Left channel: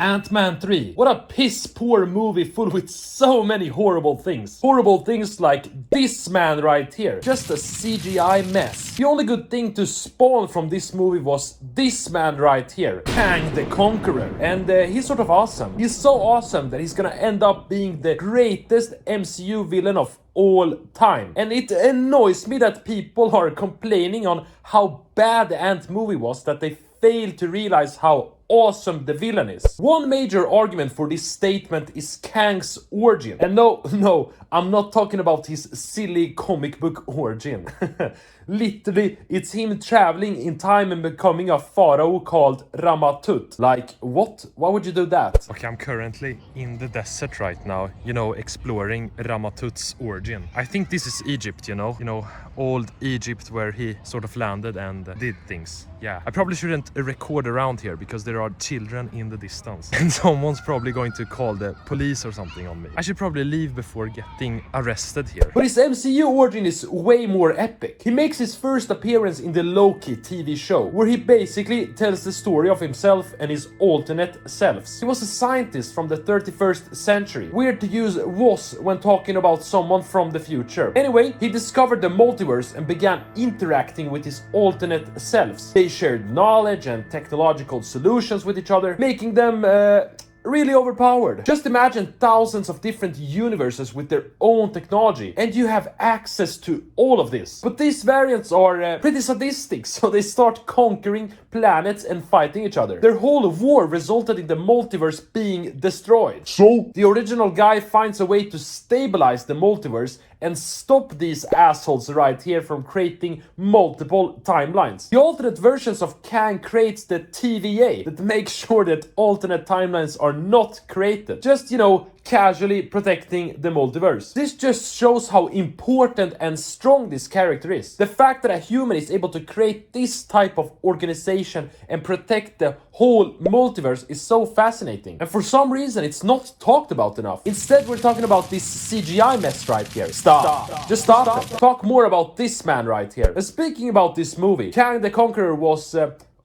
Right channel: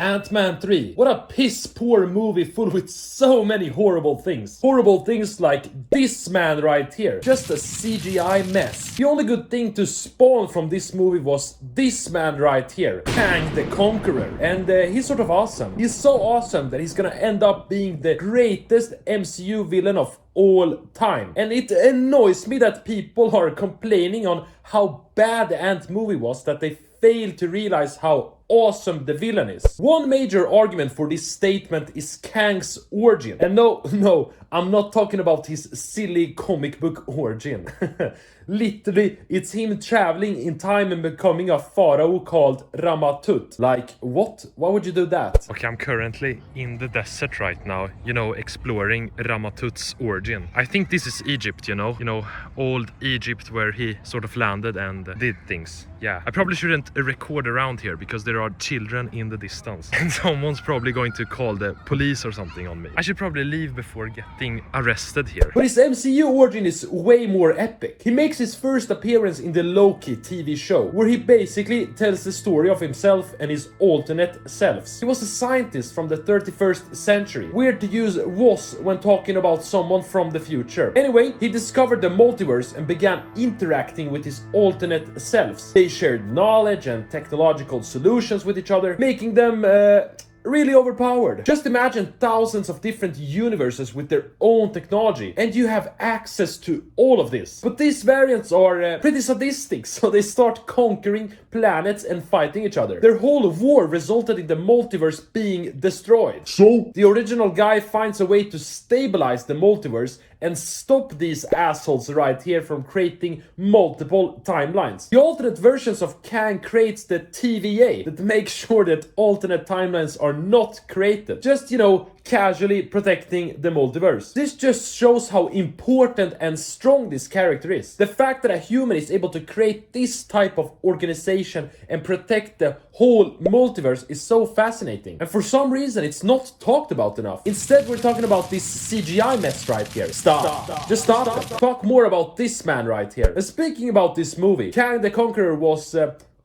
Ant-Man 3. What a piss-poor movie full with so many horrible things. Horrible things like this man right here. Just a CGI mess. The only good thing to spawn from this movie was this man right here. Kang the Conqueror. And he's sort of awesome. He's so awesome that he's gonna end up being the greatest MCU villain of all time. And it annoys me that people are complaining on how bad the Ant movie was that they failed to realize how awesome the villain is. One major argument for this statement is Kang's origin. And no, I'm not talking about his silly comic book origin. Literally, it's him traveling in time and becoming a pharaoh called Ramatut. Like, what? Why would you do that? Okay, I'm currently in the desert right now, exploring Ramatut's origin. I think this is Egypt, old Egypt where he sort of landed and did things. Yeah, I probably shouldn't record around here because there are children in the distance. And someone's probably going to call the police or something on me. I should probably leave before getting arrested here. But his MCU origin is way more epic. He makes his first appearance in the Loki TV show, where he basically tells the story of himself and his alternate selves. He was a scientist from the 31st century. Weird to use was when talking about someone from the future. Anyway, he discovered the multiverse and began interacting with his alternate selves. They shared knowledge and technological solutions with each other, making them really overpowered. Just imagine thousands of different universes with their own technology, and you have access to all of this. But these variants are pretty sadistic, so they start conquering planets and fighting each other. Their whole war resulted in the multiverse being destroyed. So the original guy finds a way to stabilize the multiverse and stop these assholes right here from creating multiple timelines. The alternate versions of Kang creates the TVA that makes sure that alternate timelines are not created. Just, casually protecting the multiverse. This just shows how important and strong this character is. The fact that a human is able to create this type of organization and protect the whole multiverse is so fascinating. And for some reason, it's not talked about enough. Instead, we're talking about this CGI mess right here. Stop. Just stop it. Talk more about this man right here. And speaking about this movie, Kang the Conqueror was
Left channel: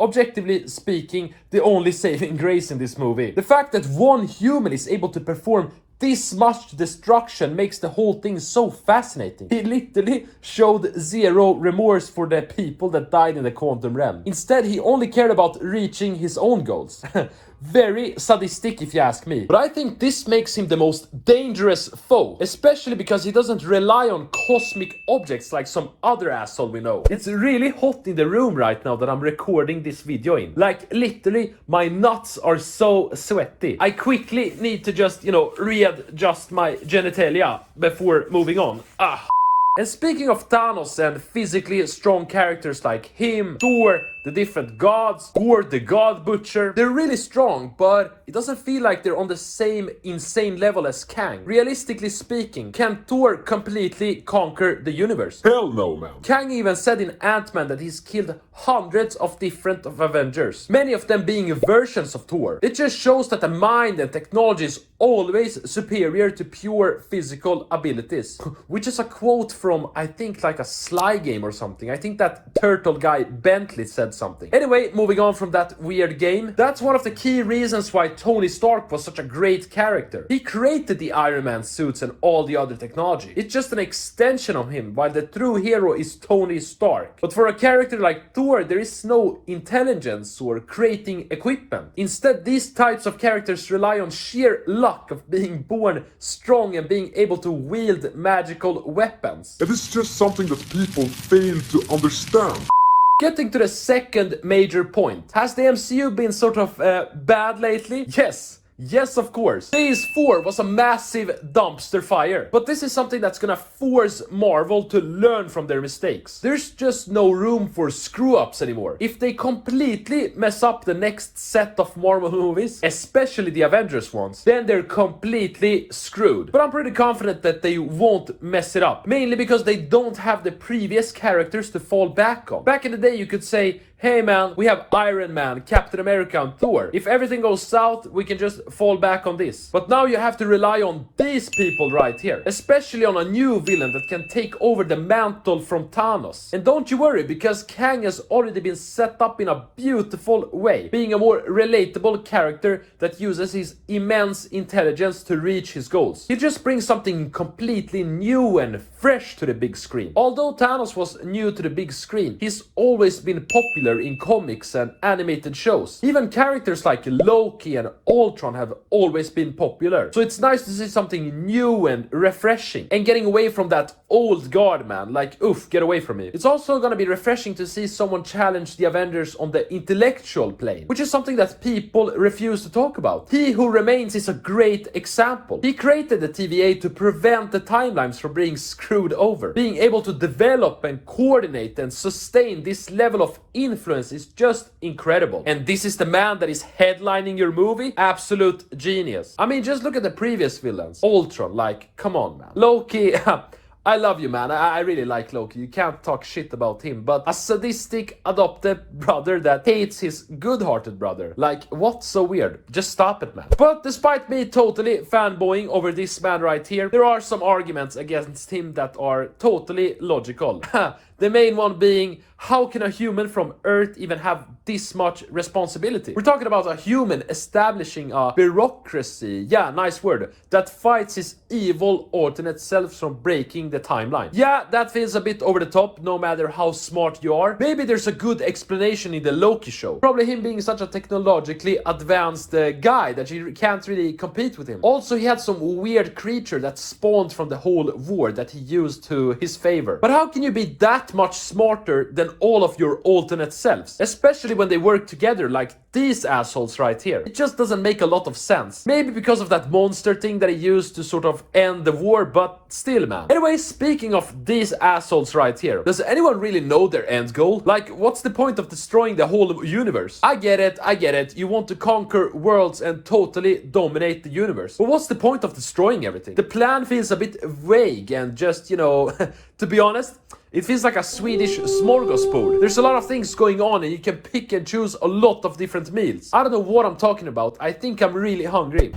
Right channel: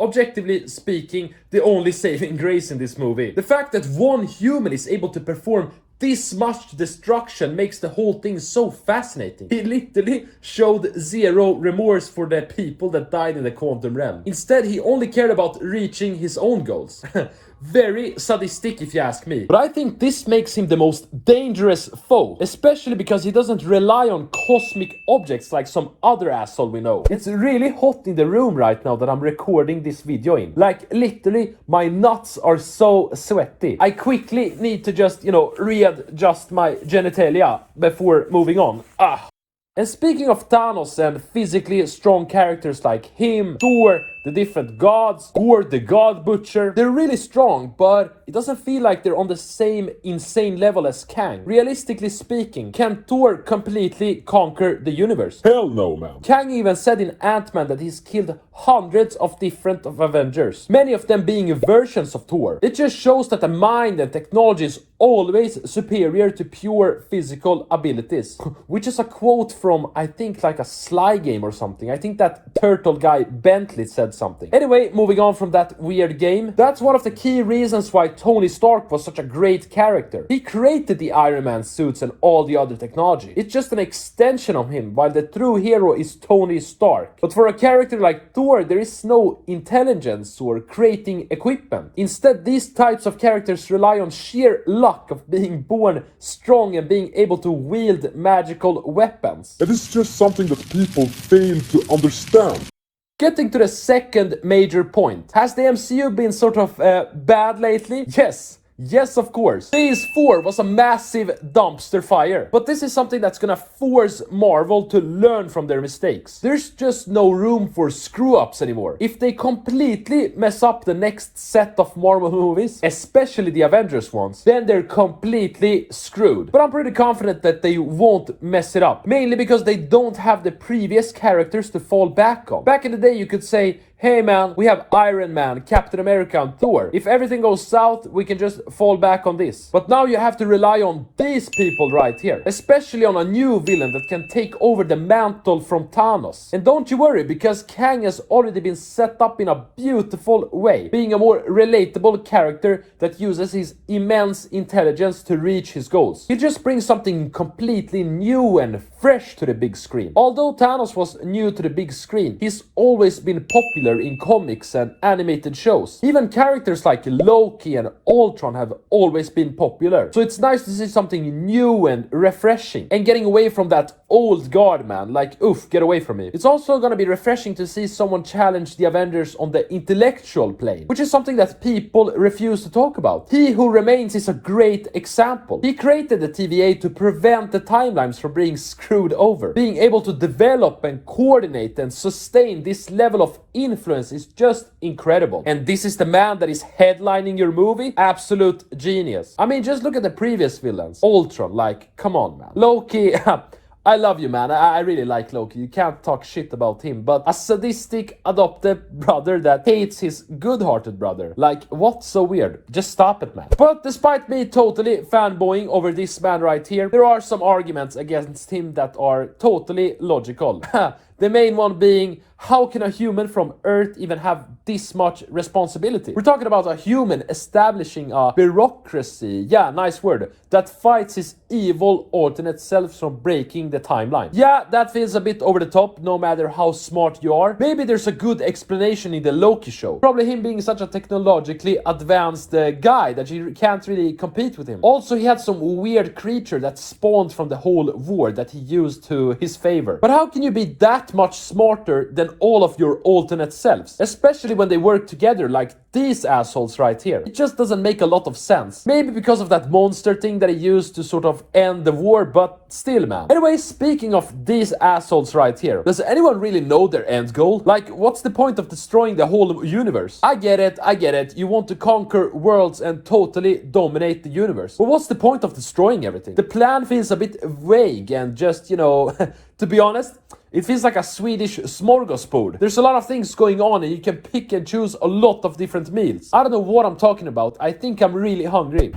objectively speaking, the only saving grace in this movie. The fact that one human is able to perform this much destruction makes the whole thing so fascinating. He literally showed zero remorse for the people that died in the quantum realm. Instead, he only cared about reaching his own goals. Very sadistic if you ask me. But I think this makes him the most dangerous foe, especially because he doesn't rely on cosmic objects like some other asshole we know. It's really hot in the room right now that I'm recording this video in. Like, literally, my nuts are so sweaty. I quickly need to just, readjust my genitalia before moving on. And speaking of Thanos and physically strong characters like him, Thor, the different gods, or the God Butcher, they're really strong, but it doesn't feel like they're on the same insane level as Kang. Realistically speaking, can Thor completely conquer the universe? Hell no, man. Kang even said in Ant-Man that he's killed hundreds of different Avengers, many of them being versions of Thor. It just shows that the mind and technology is always superior to pure physical abilities. Which is a quote from, I think, like a Sly game or something. I think that turtle guy Bentley said something. Anyway, moving on from that weird game, that's one of the key reasons why Tony Stark was such a great character. He created the Iron Man suits and all the other technology. It's just an extension of him, while the true hero is Tony Stark. But for a character like Thor, there is no intelligence or creating equipment. Instead, these types of characters rely on sheer luck of being born strong and being able to wield magical weapons. That is just something that people fail to understand. Getting to the second major point. Has the MCU been sort of bad lately? Yes, of course. Phase 4 was a massive dumpster fire. But this is something that's gonna force Marvel to learn from their mistakes. There's just no room for screw-ups anymore. If they completely mess up the next set of Marvel movies, especially the Avengers ones, then they're completely screwed. But I'm pretty confident that they won't mess it up. Mainly because they don't have the previous characters to fall back on. Back in the day, you could say, hey man, we have Iron Man, Captain America and Thor. If everything goes south, we can just fall back on this. But now you have to rely on these people right here, especially on a new villain that can take over the mantle from Thanos. And don't you worry, because Kang has already been set up in a beautiful way, being a more relatable character that uses his immense intelligence to reach his goals. He just brings something completely new and fresh to the big screen. Although Thanos was new to the big screen, he's always been popular in comics and animated shows. Even characters like Loki and Ultron have always been popular. So it's nice to see something new and refreshing and getting away from that old guard, man. Like, oof, get away from me. It's also gonna be refreshing to see someone challenge the Avengers on the intellectual plane, which is something that people refuse to talk about. He Who Remains is a great example. He created the TVA to prevent the timelines from being screwed over. Being able to develop and coordinate and sustain this level of influence is just incredible. And this is the man that is headlining your movie? Absolute genius. I mean, just look at the previous villains. Ultron, like, come on, man. Loki, I love you, man. I really like Loki. You can't talk shit about him. But a sadistic adopted brother that hates his good-hearted brother. Like, what's so weird? Just stop it, man. But despite me totally fanboying over this man right here, there are some arguments against him that are totally logical. The main one being, how can a human from Earth even have this much responsibility? We're talking about a human establishing a bureaucracy, yeah, nice word, that fights his evil alternate selves from breaking the timeline. Yeah, that feels a bit over the top, no matter how smart you are. Maybe there's a good explanation in the Loki show. Probably him being such a technologically advanced guy that you can't really compete with him. Also, he had some weird creature that spawned from the whole war that he used to his favor. But how can you be that much smarter than all of your alternate selves, especially when they work together like these assholes right here? It just doesn't make a lot of sense. Maybe because of that monster thing that he used to sort of end the war, but still, man. Anyway, speaking of these assholes right here, does anyone really know their end goal? Like, what's the point of destroying the whole universe? I get it, you want to conquer worlds and totally dominate the universe. But what's the point of destroying everything? The plan feels a bit vague and just, you know, to be honest, it feels like a Swedish smorgasbord. There's a lot of things going on and you can pick and choose a lot of different meals. I don't know what I'm talking about. I think I'm really hungry.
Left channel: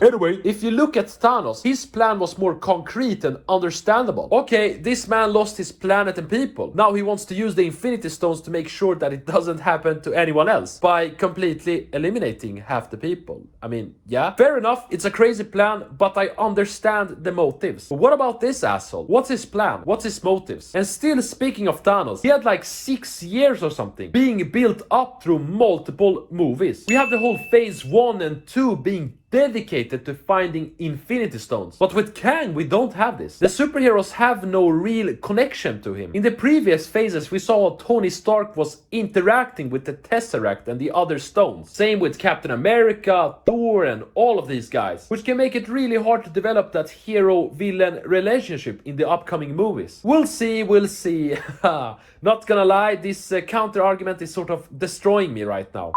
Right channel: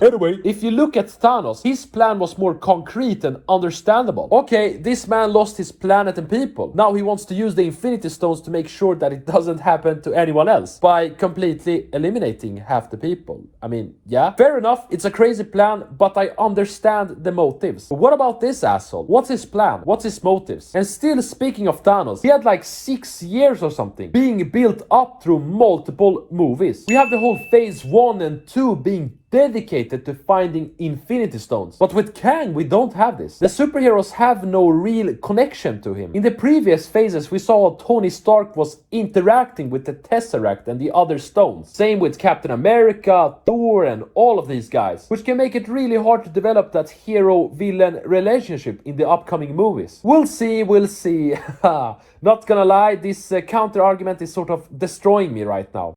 Anyway, if you look at Thanos, his plan was more concrete and understandable. Okay, this man lost his planet and people. Now he wants to use the Infinity Stones to make sure that it doesn't happen to anyone else by completely eliminating half the people. I mean, yeah, fair enough, it's a crazy plan, but I understand the motives. But what about this asshole? What's his plan? What's his motives? And still, speaking of Thanos, he had like 6 years or something being built up through multiple movies. We have the whole phase 1 and 2 being dedicated to finding Infinity Stones. But with Kang, we don't have this. The superheroes have no real connection to him. In the previous phases, we saw how Tony Stark was interacting with the Tesseract and the other stones. Same with Captain America, Thor, and all of these guys, which can make it really hard to develop that hero-villain relationship in the upcoming movies. We'll see, we'll see. Not gonna lie, this counter-argument is sort of destroying me right now.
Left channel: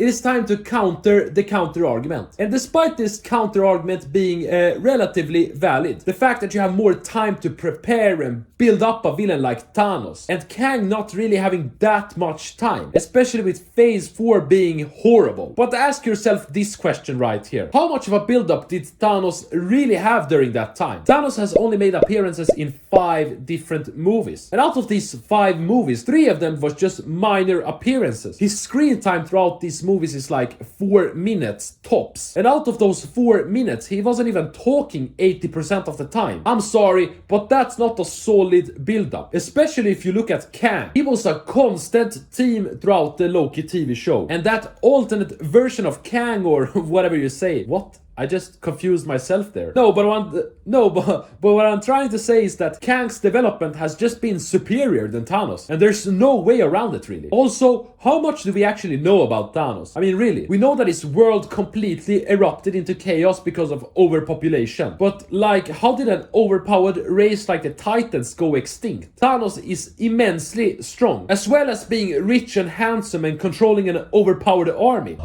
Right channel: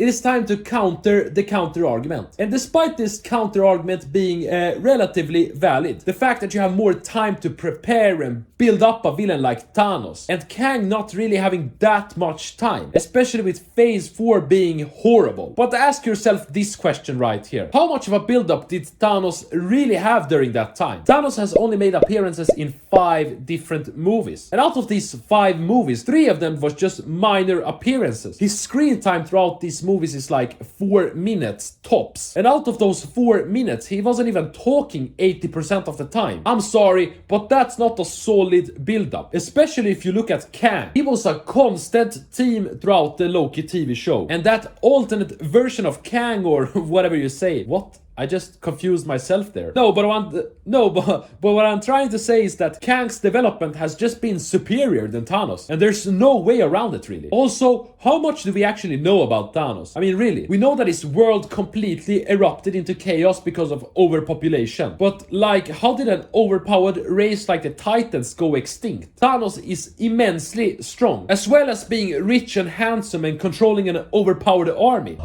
It is time to counter the counter-argument. And despite this counter-argument being relatively valid, the fact that you have more time to prepare and build up a villain like Thanos, and Kang not really having that much time, especially with phase 4 being horrible. But ask yourself this question right here. How much of a build-up did Thanos really have during that time? Thanos has only made appearances in 5 different movies. And out of these 5 movies, 3 of them was just minor appearances. His screen time throughout these movies is like 4 minutes tops. And out of those 4 minutes, he wasn't even talking 80% of the time. I'm sorry, but that's not a solid build-up. Especially if you look at Kang. He was a constant theme throughout the Loki TV show. And that alternate version of Kang, or whatever you say. What? I just confused myself there. But what I'm trying to say is that Kang's development has just been superior than Thanos, and there's no way around it really. Also, how much do we actually know about Thanos? I mean, really, we know that his world completely erupted into chaos because of overpopulation. But like, how did an overpowered race like the Titans go extinct? Thanos is immensely strong, as well as being rich and handsome and controlling an overpowered army.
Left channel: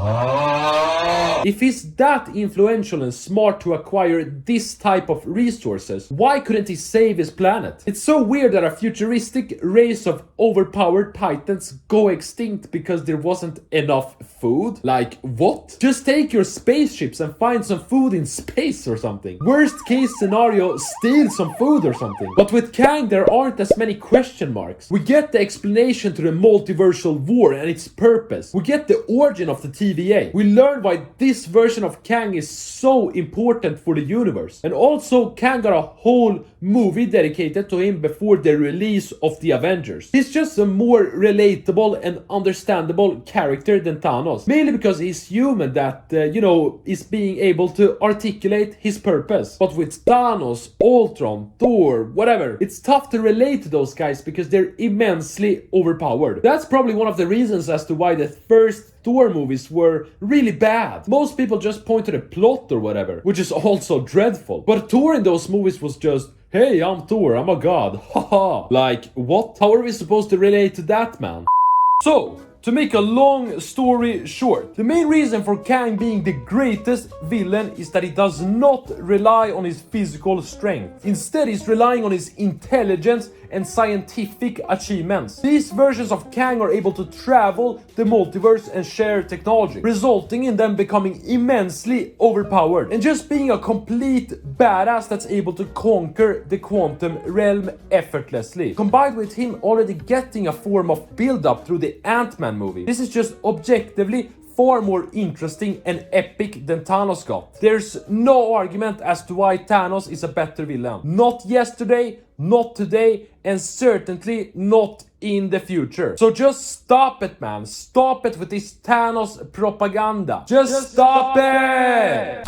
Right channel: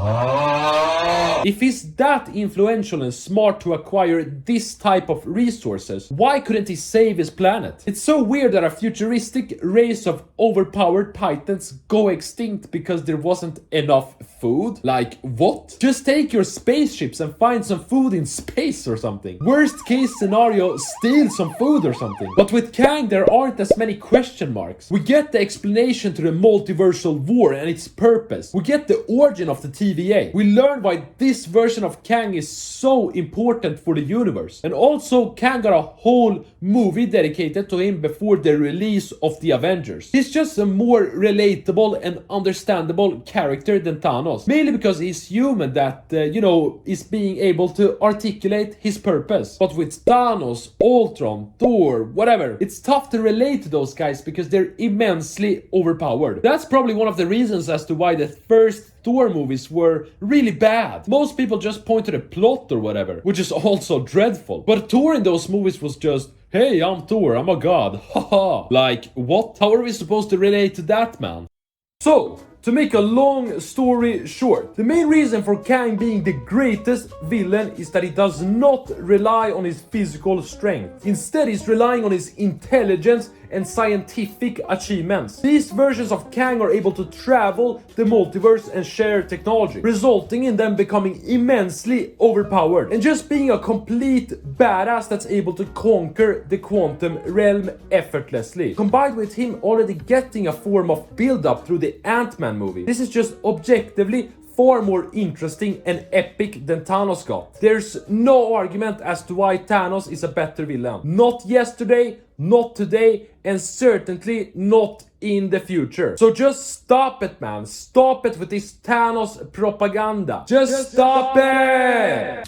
If he's that influential potential and smart to acquire this type of resources, why couldn't he save his planet? It's so weird that a futuristic race of overpowered titans go extinct because there wasn't enough food? Like, what? Just take your spaceships and find some food in space or something. Worst case scenario, steal some food or something. But with Kang, there aren't as many question marks. We get the explanation to the multiversal war and its purpose. We get the origin of the TVA. We learn why this version of Kang is so important for the universe. And also, Kang got a whole movie dedicated to him before the release of the Avengers. He's just a more relatable and understandable character than Thanos. Mainly because he's human that, is being able to articulate his purpose. But with Thanos, Ultron, Thor, whatever, it's tough to relate to those guys because they're immensely overpowered. That's probably one of the reasons as to why the first Thor movies were really bad. Most people just point to the plot or whatever, which is also dreadful. But Thor in those movies was just, hey, I'm Thor, I'm a god, haha. Like, what? How are we supposed to relate to that, man? So, to make a long story short, the main reason for Kang being the greatest villain is that he does not rely on his physical strength. Instead, he's relying on his intelligence and scientific achievements. These versions of Kang are able to travel the multiverse and share technology, resulting in them becoming immensely overpowered and just being a complete badass that's able to conquer the quantum realm effortlessly. Combined with him already getting a form of build-up through the Ant-Man movie, this is just objectively far more interesting and epic than Thanos got. There's no argument as to why Thanos is a better villain. Not yesterday, not today, and certainly not in the future. So just stop it, man. Stop it with this Thanos propaganda. Just stop it!